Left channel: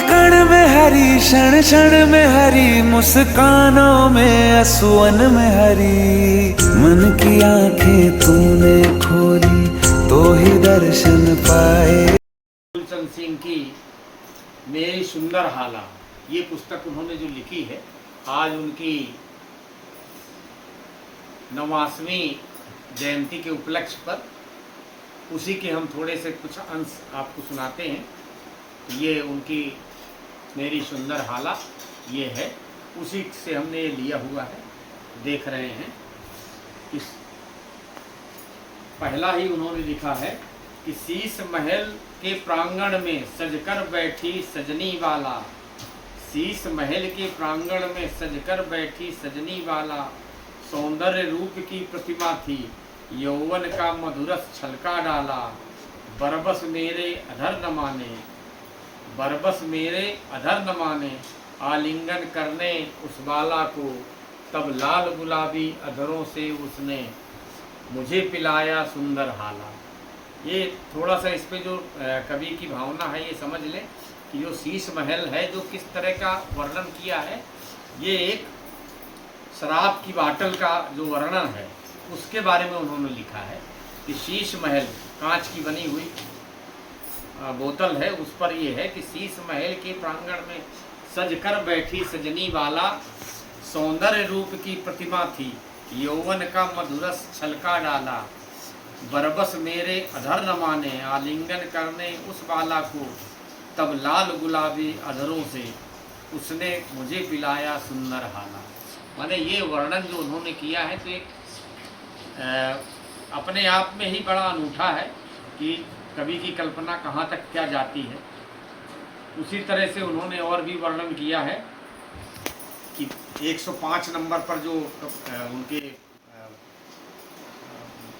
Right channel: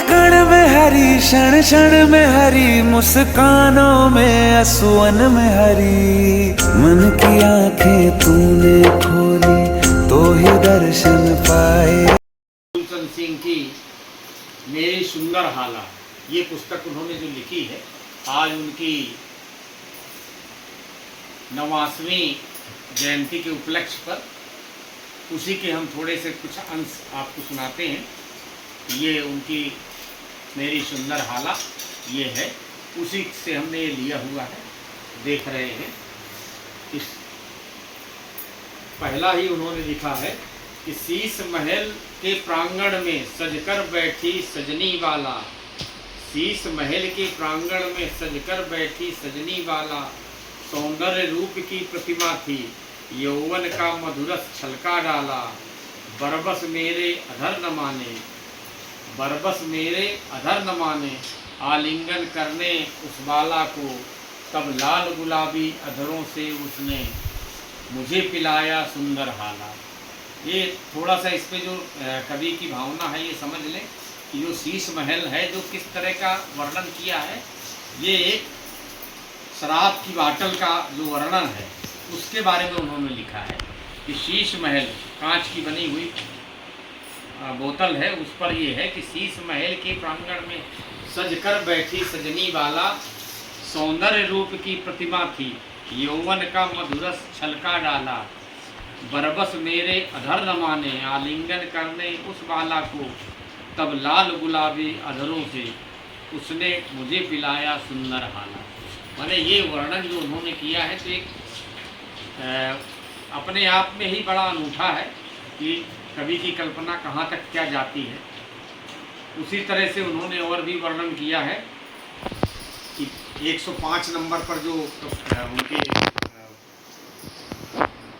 कण में हरी, क्षण क्षण में हरी, मुस्कानों में असुवन में हरी। मन की आंखें तूने खोली तो ही दर्शन पाए। फूलचंद सिंह की मेरी सुंदर हाला, ये पुस्तक उन्होंने जो लिखी है, आज उनकी 89वीं जयंती के उपलक्ष्य पर उसी के हम थोड़े से कुछ अंश आपको सुनाते हैं। ये उनकी मेरी सुंदर हाला ये है, उसी से हमने ये लिया हुआ है, देख रहे हैं। इस पहला ही उन्होंने लिखा है कि शीश महल के प्रांगण में सजकर बैठी सजनी वाला, शीश महल के प्रांगण में सजकर बैठी सजनी वाला, सौंदर्य रूप की प्रतिमा थी, यौवन का मधुरस छलका डाला। बरबस मेरे अधर न माने, बरबस मेरे अधर न माने, आलिंगन करने उस बाला को, तब लाल गुलाबी अधरों से उसने मुझे पिलाया सुंदर हाला। ये थोड़ा सा इस पे जो कवि की भावना है ये समझ लें कि जो शीश महल है जो किस तरह का वर्णन किया है, ये एक शराब की बाटल का जो वर्णन है उसके बारे में उन्होंने लिखा है कि शीश महल कांच की बनी हुई बोतल है, उस पर ये है कि शीश महल के प्रांगण में सजकर बैठी सजनी वाला, सौंदर्य रूप की प्रतिमा थी, यौवन का मधुरस छलका डाला। बरबस मेरे अधर न माने, आलिंगन करने उस बाला को, तब लाल गुलाबी अधरों से उसने मुझे पिलाया सुंदर हाला। माने ये वर्णन जो उन्होंने किया है तो एक अपने आप में ही बड़ा अनूठा है कि कवि की कल्पना कहाँ तक क्या जाती है। उसी तरह से उन्होंने और भी वर्णन किया है कि 105 नंबर पर जो उनके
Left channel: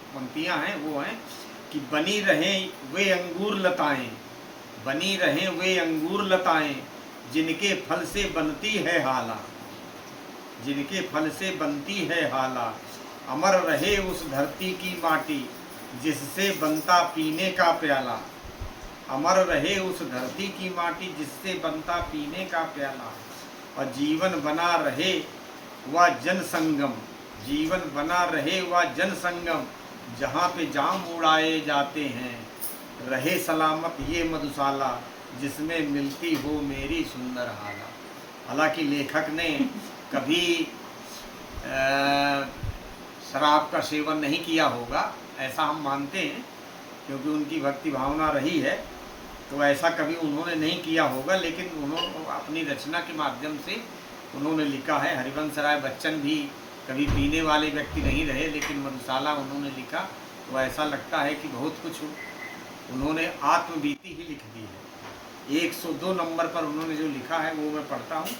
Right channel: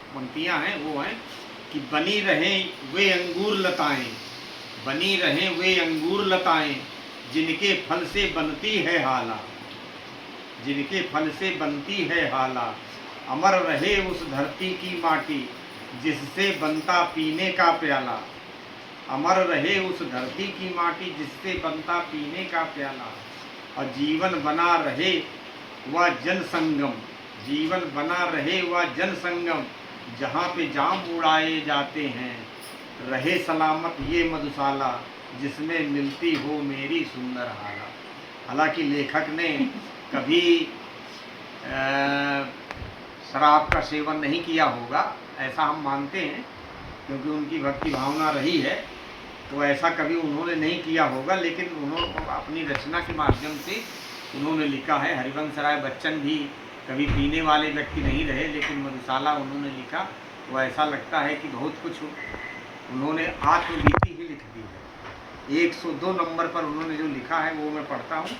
पंक्तियाँ हैं वो हैं कि बनी रहें वे अंगूर लताएं, बनी रहें वे अंगूर लताएं, जिनके फल से बनती है हाला, जिनके फल से बनती है हाला। अमर रहे उस धरती की माटी, जिससे बनता पीने का प्याला, अमर रहे उस धरती की माटी, जिससे बनता पीने का प्याला। और जीवन बना रहे वह जन संगम, जीवन बना रहे वह जन संगम, जहाँ पे जाम उड़ाए जाते हैं, रहे सलामत ये मधुशाला, जिसमें मिलती हो मेरी सुंदर हाला। हालांकि लेखक ने कभी शराब का सेवन नहीं किया होगा ऐसा हम मानते हैं, क्योंकि उनकी भक्ति भावना रही है तो ऐसा कभी उन्होंने नहीं किया होगा। लेकिन उन्होंने अपनी रचना के माध्यम से उन्होंने लिखा है। हरिवंश राय बच्चन भी कभी पीने वाले व्यक्ति नहीं रहे, लेकिन मधुशाला उन्होंने लिखा तो ऐसा लगता है कि बहुत कुछ उन्होंने आत्मबीती ही लिख दी है। 102 नंबर पर उन्होंने जो लिखा है वो मैं पढ़ता हूँ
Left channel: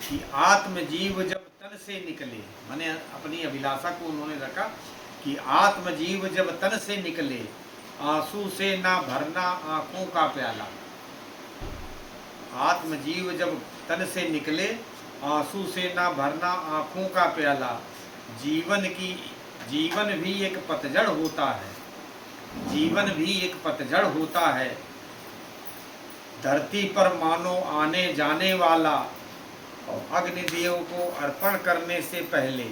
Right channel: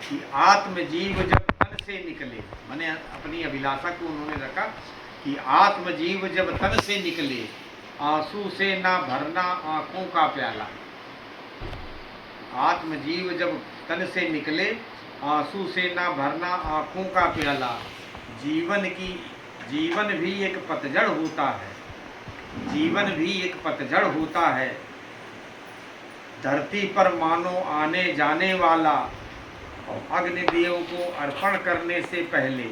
कि आत्मजीव जब तन से निकले, मैंने अपनी अभिलाषा को उन्होंने रखा कि आत्मजीव जब तन से निकले, आंसू से ना भरना आँखों का प्याला। आत्मजीव जब तन से निकले, आंसू से ना भरना आँखों का प्याला। जीवन भी एक पतझड़ होता है, जीवन भी एक पतझड़ होता है, धरती पर मानो आने जाने वाला। और अग्निदेव को अर्पण करने से पहले,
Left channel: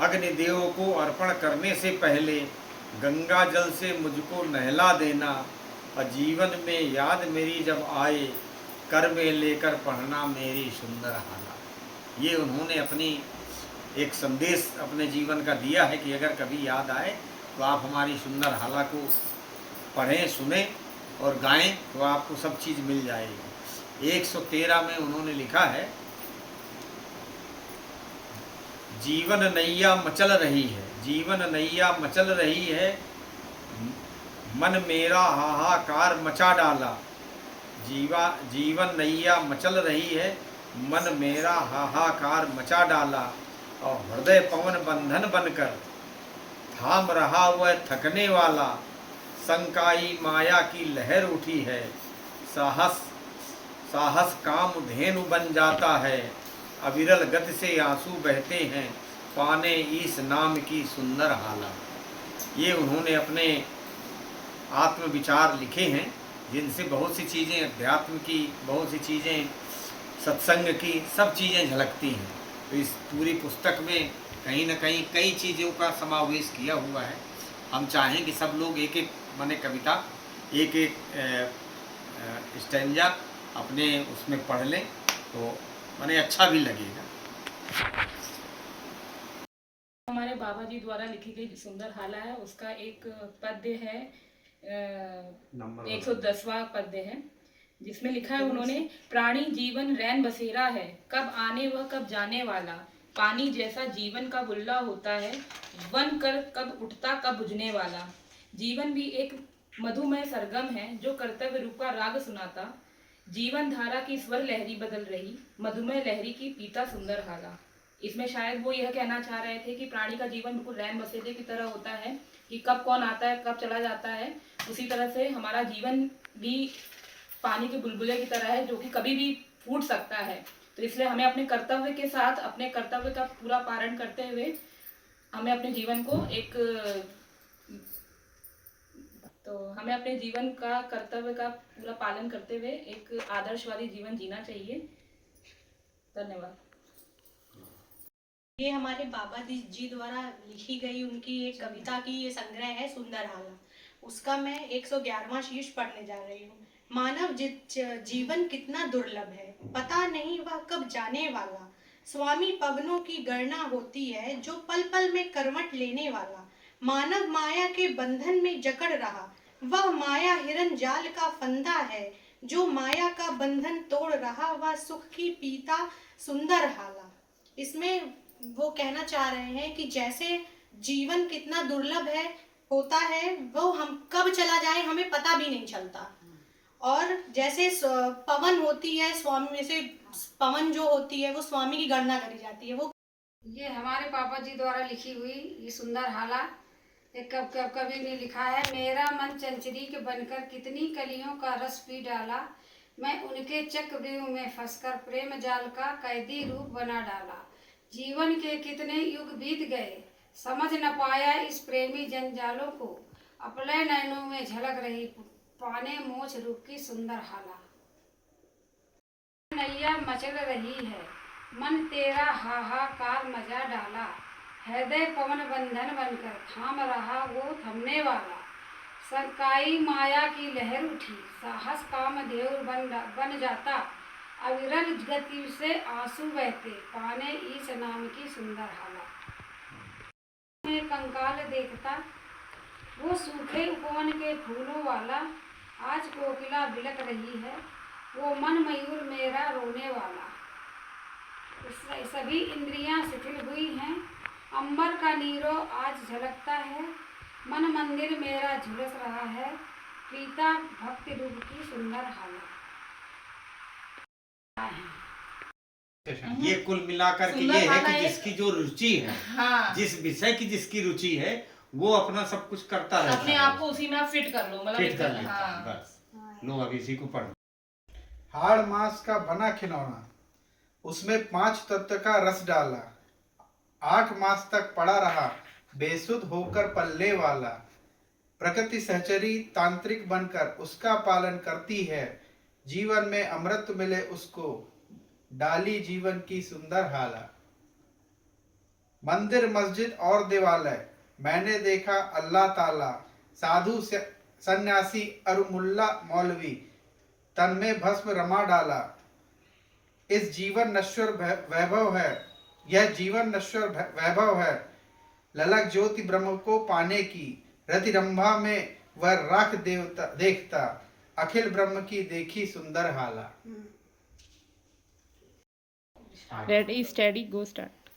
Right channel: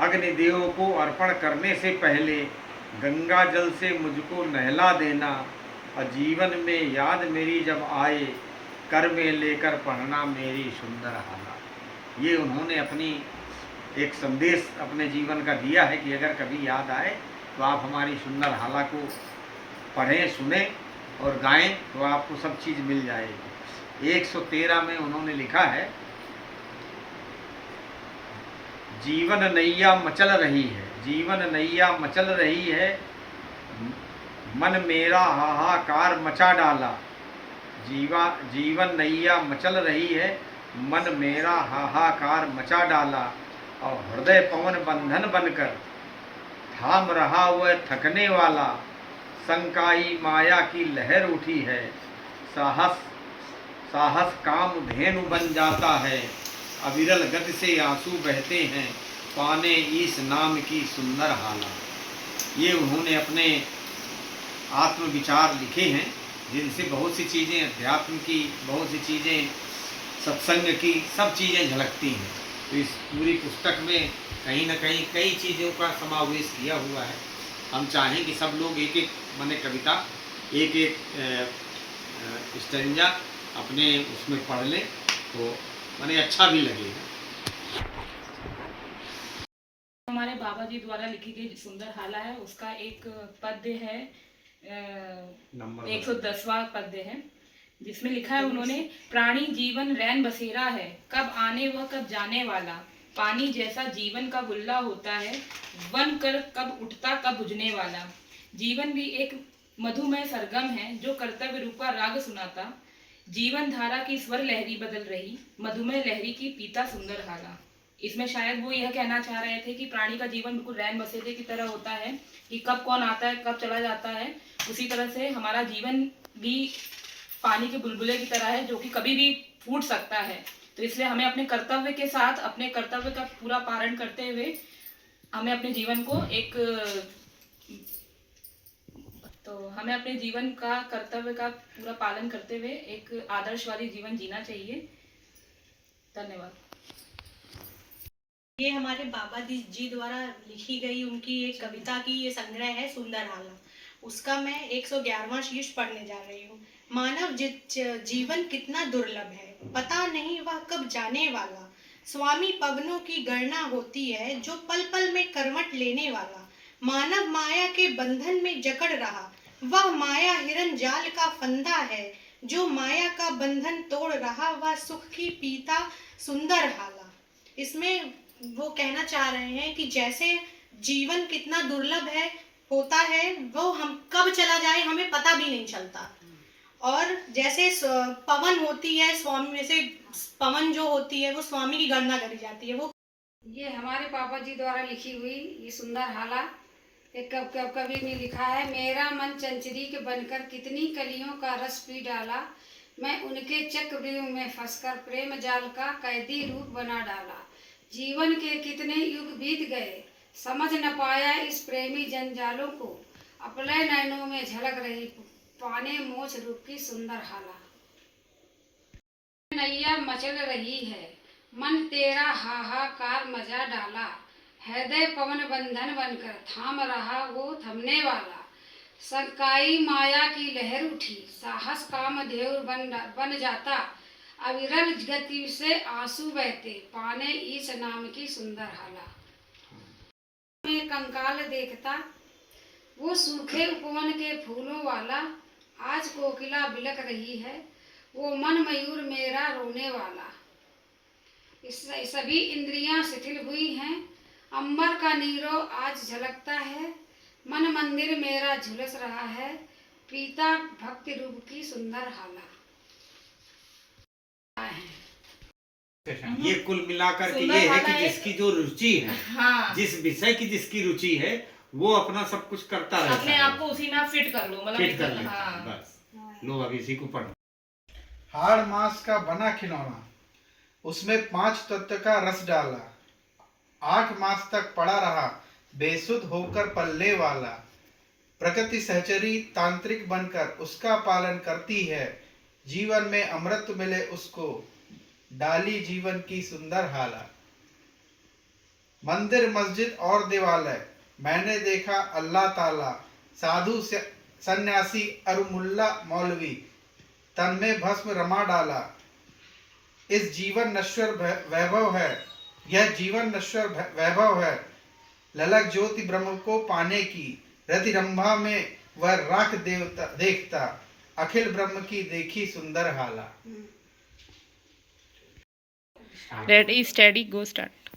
अग्निदेव को अर्पण करने से पहले गंगा जल से मुझको नहला देना। और जीवन में याद मेरी जब आए, कर में लेकर पढ़ना मेरी सुंदर हाला। ये उन्होंने अपनी एक संदेश अपने जीवन का दिया है कि अगर कभी याद आए तो आप हमारी सुंदर हाला को पढ़ें, सुने और गाएं तो आपको सब चीज़ मिल जाएगी। 113 में उन्होंने लिखा है जीवन नैया मचल रही है, जीवन नैया मचल रही है, मन मेरा हाहाकार मचा डाला। जीवन नैया मचल रही है, मन मेरा हाहाकार मचा डाला। और हृदय पवन बंधन बनकर थाम रहा वह थकने वाला, संकाई माया की लहर उठी है, साहस काम धेनु बन जाता है। अविरल गति से आंसू बहते हैं, पाने इस नाम की सुंदर हाला। ये उन्होंने अपने आत्मविचार लिखे हैं जिनसे बहुत सी चीज़ें अध्यात्म की, बहुत सी चीज़ें सत्संग की, सब चीज़ें झलकती हैं। तो इस पूरी पुस्तक में कहीं न कहीं कई चीज़ों का समावेश किया हुआ है। हम चाहें कि सब लोग एक-एक माने कविता, एक-एक स्टैन्ज़ा अपने उसमें पढ़ लें, तो माने अच्छा भी लगेगा। हमारे बाबा जी द्वारा लिखी गई सुंदर हाला है, उसका एक पद्य है, नंबर 110वां पद्य है, जिसमें लिखा है उन्होंने, प्राणी जीवन रैन बसेरा है, कब आने वह कब जाने वाला, पानी जैसा जीवन का बुल्ला होता है, वन कर कब उठता कब बुझने वाला। जीवन भी एक मधुमय सरगम है, जो कर्तव्य रूपा राग सुनाता, जीवन धारा की स्वर लहरी बदल रही, मधुमय लहरी की पीता सुंदर हाला। इसमें शायद वो यह कहना चाह रहे थे कि प्राणी का जीवन बिल्कुल रैन बसेरे की तरह होता है, कि कब कौन आता है कब चला जाता है। उसी तरह से हमारा जीवन भी पानी के बुलबुले की तरह है, जो कि कभी भी फूट सकता है। तो इसलिए हमें अपने कर्तव्य के साथ, अपने कर्तव्य का पूरा पालन करते हुए, हमें अपने जीवन को हमें अपने जीवन का कर्तव्य का पूरा पालन करते हुए एक आदर्शवादी जीवन जीना चाहिए। धन्यवाद। ये हमारे बाबा जी द्वारा लिखी गई उनकी एक कविता की ये संग्रह है सुंदर हाला। उसका मैं 111वां शीर्ष पढ़ने जा रही हूँ। मानव जीवन कितना दुर्लभ है, पता नहीं वह कब जाने वाला। स्वामी पवनों की गणना होती है, जो पल पल में करवट लेने वाला। मानव माया के बंधन में जकड़ रहा, वह माया हिरन जाल का फंदा है। जो माया का बंधन तोड़ रहा, वह सुख की पीता सुंदर हाला। इसमें वो कहना चाह रहे हैं कि जैसे जीवन कितना दुर्लभ है होता है, वो हम कब चला जाए हमें पता भी नहीं चलता। और जैसे पवन होती है, स्वामी में से पवन जो होती है वो स्वामी की गणना करी जाती है। वो ये हमारे पापा जी द्वारा लिखी हुई ये सुंदर हाला एक कवि ने लिखा है। मेरा मन चंचरी के बनकर कितनी कलियों का रस पी डाला, मैं उनके चक्रव्यूह में फंसकर प्रेम जाल का कैदी रूप बना डाला। जीवन के कितने युग बीत गए, समझ न पाया इस प्रेमी जंजालों को, अपने नैनों में झलक रही पाने मोछ रूप की सुंदर हाला। नैया मचल रही है, मन तेरा हाहाकार मचा डाला, हृदय पवन बंधन बनकर थाम रहा वो थमने वाला। संकाई माया की लहर उठी, साहस काम देव बन जाता, अविरल गति से आंसू बहते पाने ईश नाम की सुंदर हाला। में कंकाल देखता वो सूखे उपवन के फूलों वाला, आज कोकिला बिलक रही है, वो मन मयूर मेरा रोने वाला। सभी इंद्रियां शिथिल हुई हैं, अंबर का नीरो आज झलकता है, मन मंदिर मेरा झुलस रहा है, पीता भक्ति रूप की सुंदर हाला। ये कुल मिलाकर के ये है कि जिसकी जो रुचि है, हाँ, जिस विषय की जिसकी रुचि है, वो अपना सब कुछ करता रहता है, अपने आप को उसी में आप फिट कर लो, मतलब फिट कर लेता हाँ। है, बस लो अब इसी को पढ़ो। हाड़ मांस का बना खिलौना, उसमें 5 तत्व का रस डाला, 8 मास तक पड़ा रहा बेसुध होकर पल्ले वाला। प्रकृति सहचरी तांत्रिक बनकर उसका पालन करती है, जीवन में अमृत मिले उसको डाली जीवन की सुंदर हाला। मंदिर मस्जिद और देवालय मैंने देखा अल्लाह ताला, साधु सन्यासी और मुल्ला मौलवी तन में भस्म रमा डाला। इस जीवन नश्वर वैभव है, यह जीवन नश्वर वैभव है, ललक ज्योति ब्रह्म को पाने की, रति रंभा में वह राख देवता देखता, अखिल ब्रह्म की देखी सुंदर हाला। रेडी स्टेडी गो स्टार्ट।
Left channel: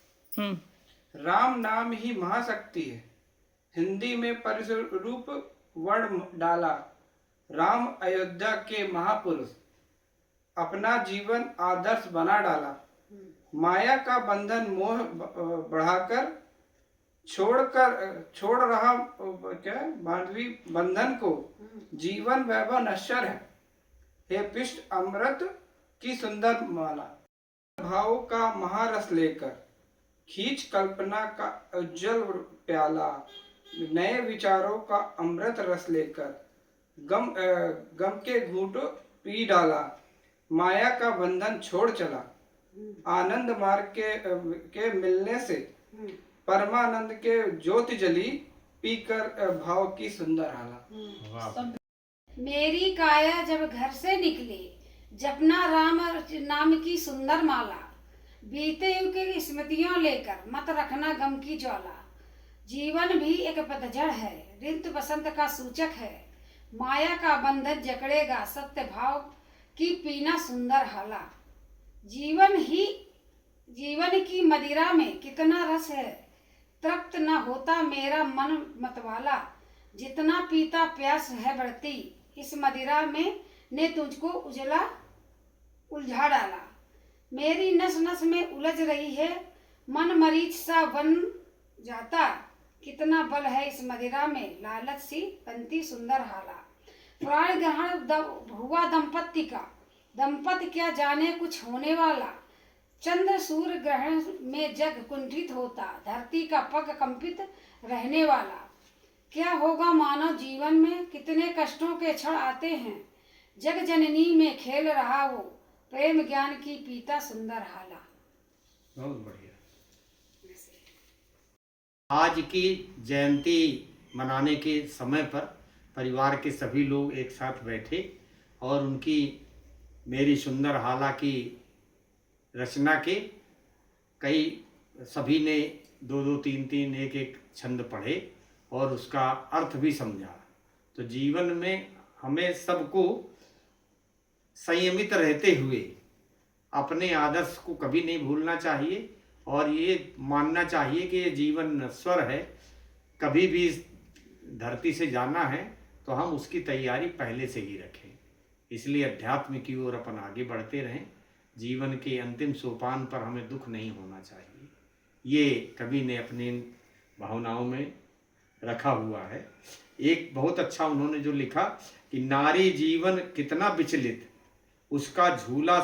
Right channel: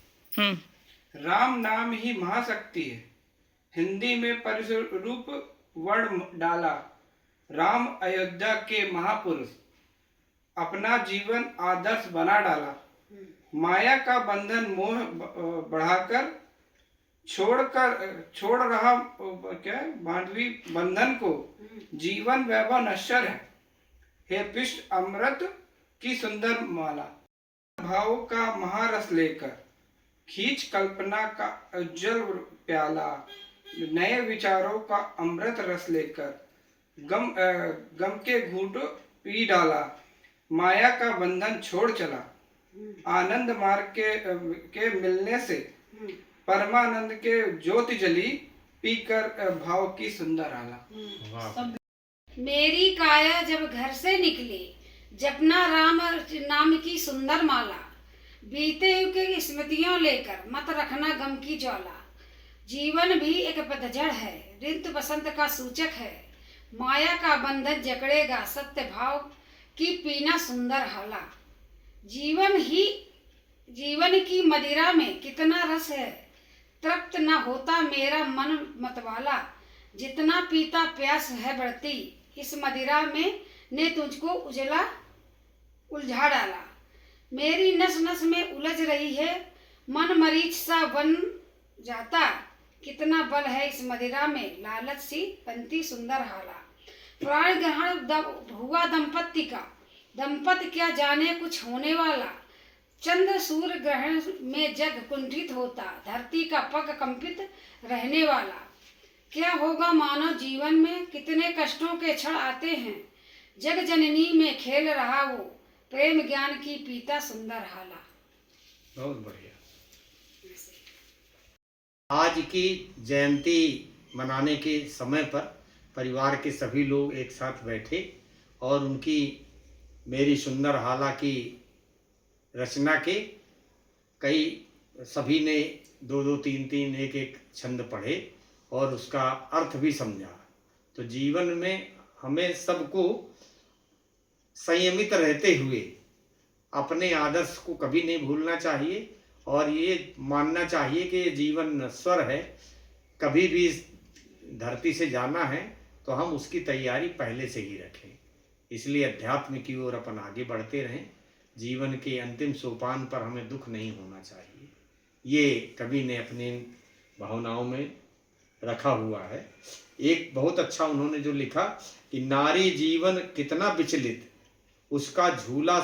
राम नाम ही महाशक्ति है, हिंदी में परिरूप वर्ण डाला। राम अयोध्या के महापुरुष, अपना जीवन आदर्श बना डाला। माया का बंधन मोह बढ़ाकर छोड़ रहा मानवी बंधन को, जीवन वैभव नश्वर है, हे पिष्ट अमृत की सुंदर माला। भाव का महारस लेकर खींच कल्पना का उज्जवल प्याला, नए विचारों का अमृत रस लेकर गम के घूंट पी डाला, माया का बंधन छोड़ चला, आनंद मार्ग के मिलने से परमानंद के ज्योति जली, पीकर भाव की सुंदर आला। मेरी काया जब घर से निकली, जपना राम नाम की सुंदर माला, बीते युग की स्मृतियों लेकर मत रखना गम की ज्वाला। जीवन भी एक पतझड़ है, ऋतु बसंत का सूचक है, माया का बंधन जकड़ेगा, सत्य भाव की पीना सुंदर हाला। जीवन की मदिरा में कितना रस है, तृप्त न होता मेरा मन मतवाला, जितना पीता प्यास है बढ़ती, इस मदिरा में ने तुझको उलझा डाला। मेरी नस नस में उलझ रही है, मन मरीच सा बन जाता, कितना बल है इस मदिरा में, लालच सी बनती सुंदर हाला। प्राण ग्रहण हुआ दंपत्ति का, दंपत्ति क्या जाने कुछ होने वाला, चंद्र सूर्य ग्रहण में जग कुंठित होता, धरती का पग कंपित रहने वाला। क्या होगा मानव जीवन में, कितने कष्टों के क्षण आते हैं, जग जननी में खेल रहा वो, प्रेम ज्ञान की पीता सुंदर हाला। बहुत बढ़िया। आज की जयंती मनाने के समय पर परिवार के सभी लोग एक साथ बैठे और उनकी मेरी सुंदर हाला की रचना के कई सभी ने 2-2, 3-3, 1-1 छंद पढ़े और उसका अर्थ भी समझा। तो जीवन में हमें सबको संयमित रहते हुए अपने आदर्श को कभी नहीं भूलना चाहिए और ये मानना चाहिए कि जीवन नश्वर है, कभी भी इस धरती से जाना है तो हम उसकी तैयारी पहले से ही रखें। इसलिए अध्यात्म की ओर अपन आगे बढ़ते रहें। जीवन के अंतिम सोपान पर हमें दुख नहीं होना चाहिए, ये कवि ने अपनी भावनाओं में रखा हुआ है। एक बहुत अच्छा उन्होंने जो लिखा कि नारी जीवन कितना विचलित, उसका झूला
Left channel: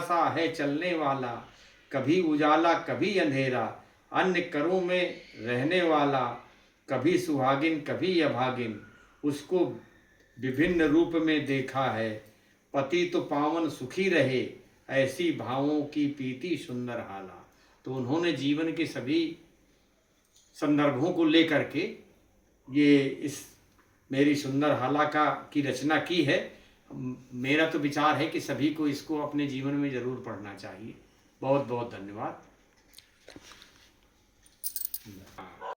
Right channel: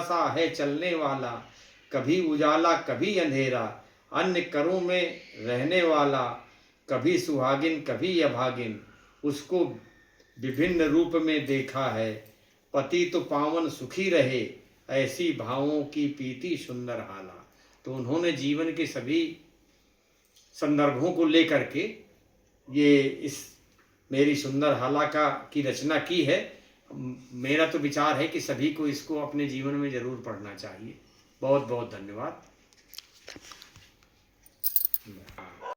सा है चलने वाला, कभी उजाला कभी अंधेरा, अन्य करों में रहने वाला, कभी सुहागिन कभी अभागिन, उसको विभिन्न रूप में देखा है, पति तो पावन सुखी रहे, ऐसी भावों की पीती सुंदर हाला। तो उन्होंने जीवन के सभी संदर्भों को लेकर के ये इस मेरी सुंदर हाला की रचना की है। मेरा तो विचार है कि सभी को इसको अपने जीवन में जरूर पढ़ना चाहिए। बहुत बहुत धन्यवाद।